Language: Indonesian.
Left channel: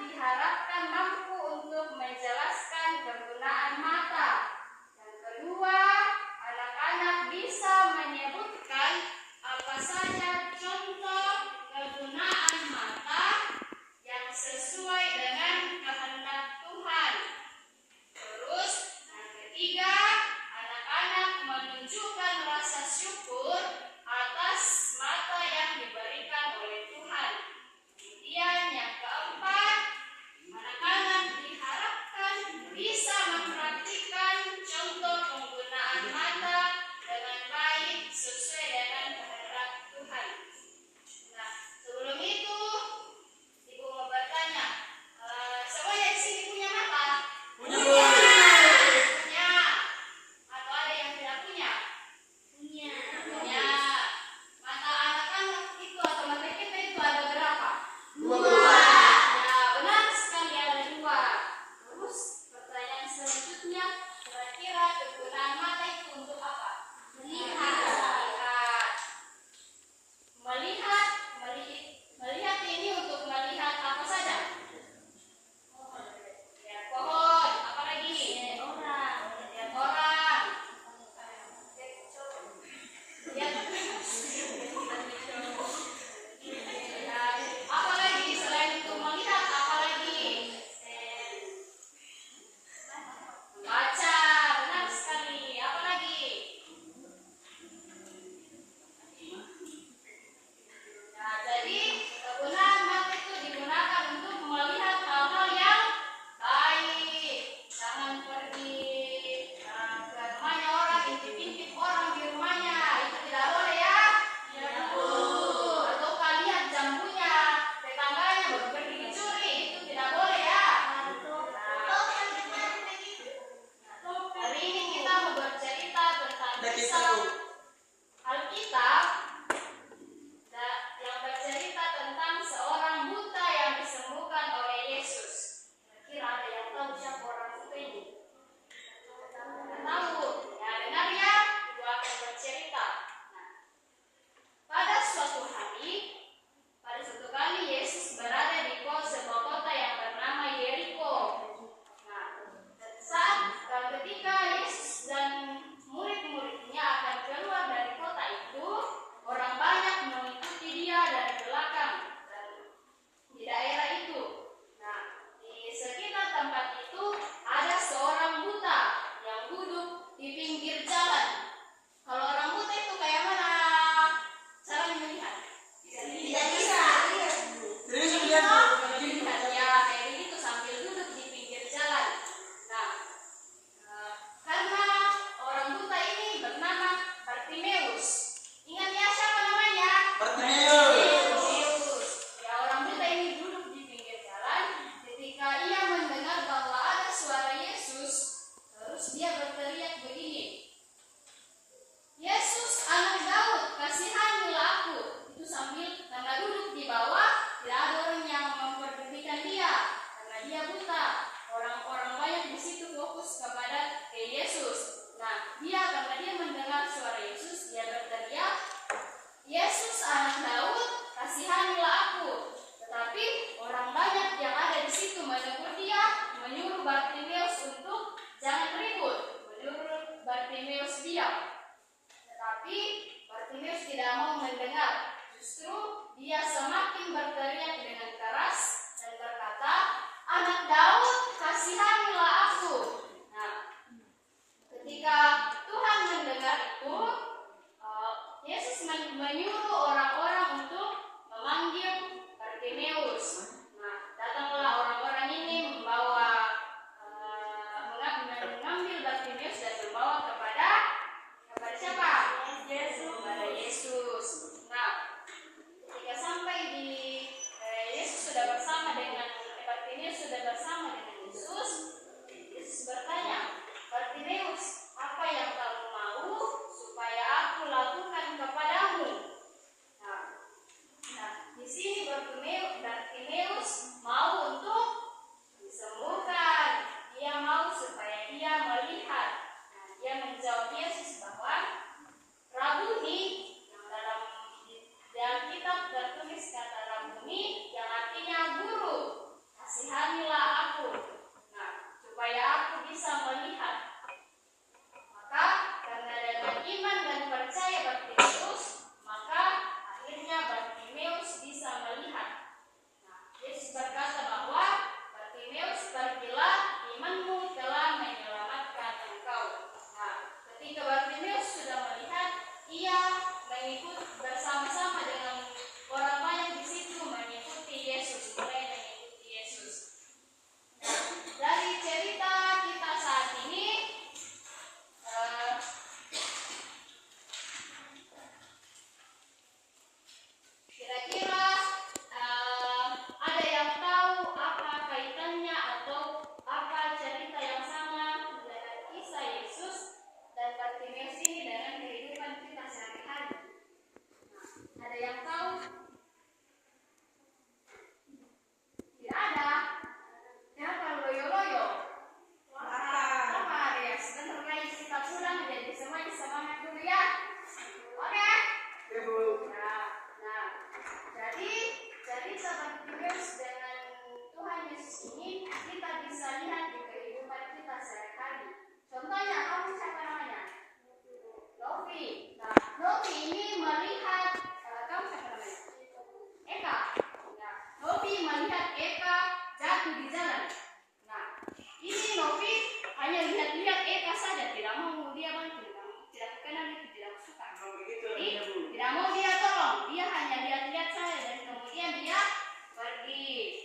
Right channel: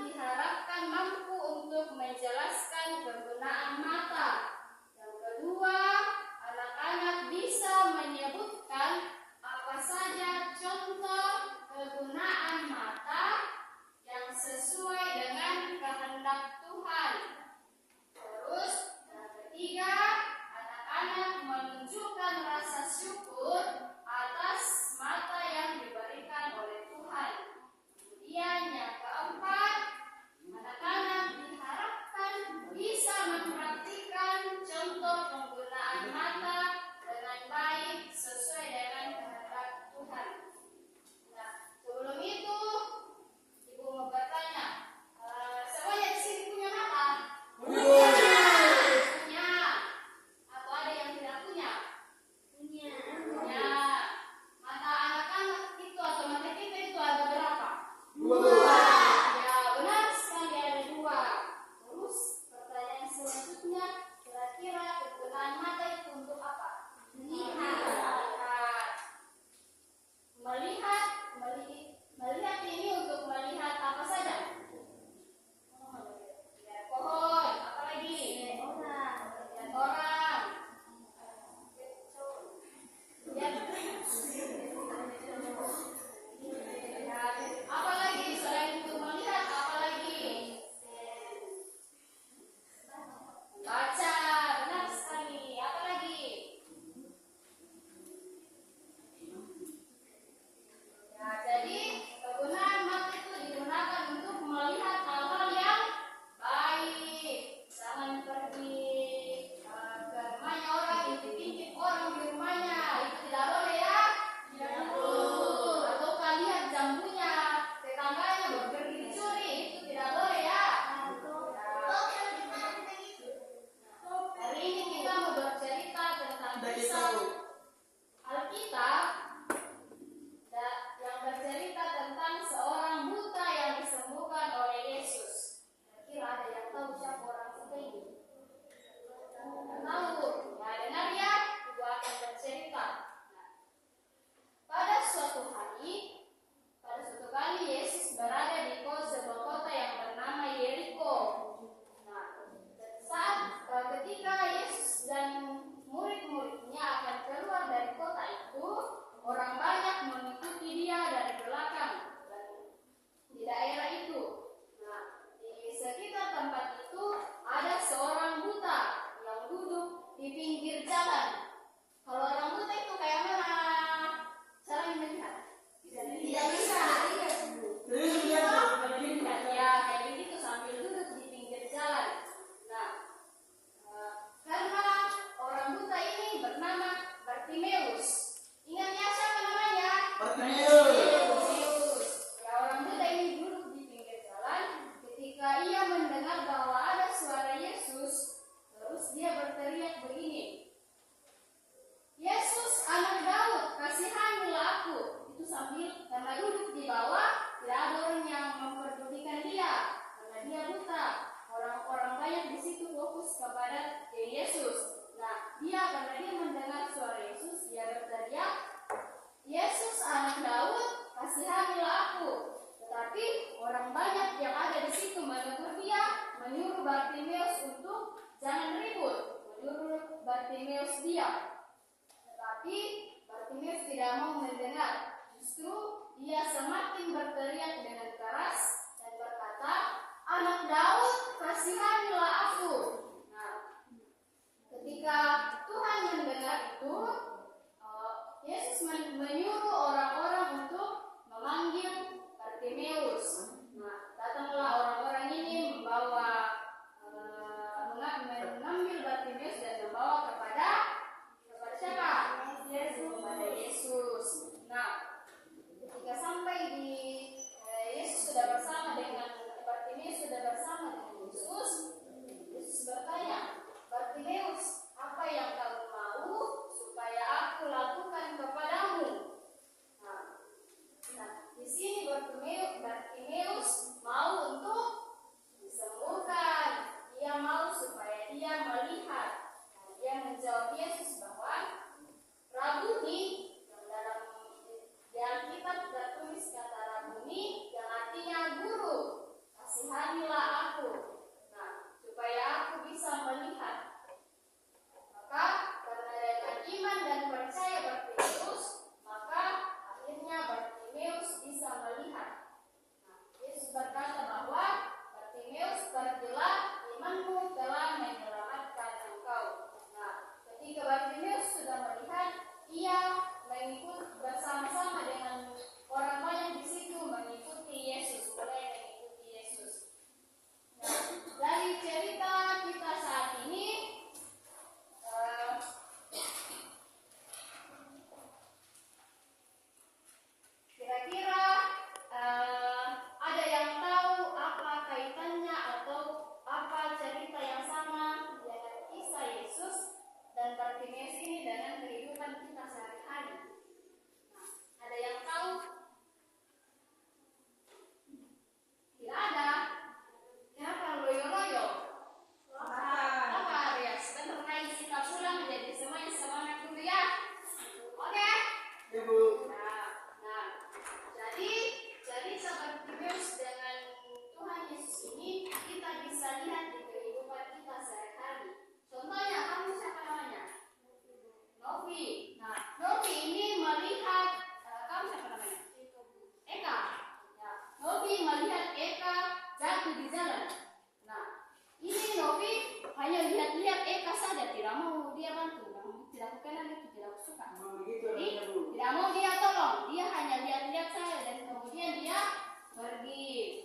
diharapkan mampu untuk menjelaskan kegunaan mata. Yang kedua, anak-anak bisa menyebutkan apa saja contoh kegunaan mata yang sesuai dengan kehendak Tuhan. Terus, yang ketiga, anak-anak menunjukkan rasa syukur atas mata yang diberikan oleh Tuhan. Kemudian yang keempat, anak-anak diharapkan bisa mempraktikkan contoh penggunaan mata dengan baik sesuai dengan kehendak Tuhan. Nah, sebelum itu, Ibu mau bertanya, semuanya di sini punya mata? Punya. Atau ada yang tidak punya? Punya. Mata anak-anak itu atau mata kita itu ada berapa? Dua. Ya, benar sekali ada dua. Terus pertanyaan selanjutnya, kira-kira kegunaan mata itu untuk apa? Melihat ini untuk melihat apa saja? Lihat pohon, apa lagi? Lihat orang. Lihat apa lagi selain itu melihat, apa lagi? Baca, benar sekali. Apa lagi? Nah, jadi kegunaan mata itu digunakan untuk melihat hal-hal yang baik. Jangan pergi ke rumahnya orang, intip-intip orang di rumahnya. Itu tidak boleh ya. Atau kalian jambunya tetangganya baru pergi dicuri, itu tidak boleh ya. Hari ini kita mau bercerita tentang kisah Alkitab yang bercerita tentang seorang buta yang disembuhkan oleh Yesus. Kira-kira ada yang tahu siapa orang buta ini? Tidak tahu? Ya, dengar ya, Ibu akan bercerita. Nah, pada suatu kali Yesus berada di sebuah kota yang bernama Yeriko. Nah, ketika Yesus dan murid-muridnya akan keluar dari kota itu, orang banyak mengikuti dia dari belakang dan di daerah itu. Nah, di sekitar tempat itu ada seorang buta yang duduk di pinggir jalan. Kalau orang buta itu kayak mana caranya melihat? Tidak bisa. Melihat ya kayak begitu sambil duduk di pinggir jalan. Nah, karena orang buta ini bernama Bartimeus. Ingat ya siapa namanya? Bartimeus. Ya, orang buta ini duduk di pinggir jalan. Ketika ia mendengar bahwa ada suara Yesus, terus dia berteriak begini, "Yesus, anak Daud, kasihanilah aku." Itu sambil karena duduk di bawah, tidak ada orang yang memperdulikan dia karena dia buta. Orang-orang banyak di situ fokus kepada Yesus. Nah, karena dia mendengar suara Yesus, dia berteriak, "Yesus, anak Daud, kasihanilah aku." Tetapi orang banyak yang ada di situ menegur dia, menyuruh Bartimeus untuk jangan ribut, menyuruh Bartimeus diam. Tetapi Bartimeus tidak mau mendengar. Justru dia semakin berteriak dengan keras dan berkata, "Anak Daud, kasihanilah aku." Nah, ketika Tuhan mendengar itu, Yesus menyuruh orang-orang untuk memanggil Bartimeus. Nah, datanglah orang-orang ini mengambil Bartimeus dan membawa kepada siapa? Kepada Yesus. Nah, ketika sampai di Yesus sudah bersama dengan Bartimeus Yesus bertanya, "Bartimeus, apa yang kamu mau supaya aku lakukan kepadamu?" Nah, di sini Bartimeus mau untuk disembuhkan. Dia mau supaya dia melihat. Nah, dia menjawab Yesus bahwa, "Rabuni," yang di Alkitab tertulis kata Rabuni yang artinya guru, kasih kita bisa lihat di kehidupan kita sehari-hari. Contohnya, kamu siapa namanya? Novi. Nah, Novi ini melihat kamu siapa namanya? Eka. Nah, Novi melihat Eka jatuh di jalan. Nah, ini Novi hanya lihat-lihat Eka saja, tidak mau dia bantu, tidak kenal itu, tidak suka. Jadi, tidak mau dia tolong, dia hanya lihat-lihat saja dan kemudian dia pergi.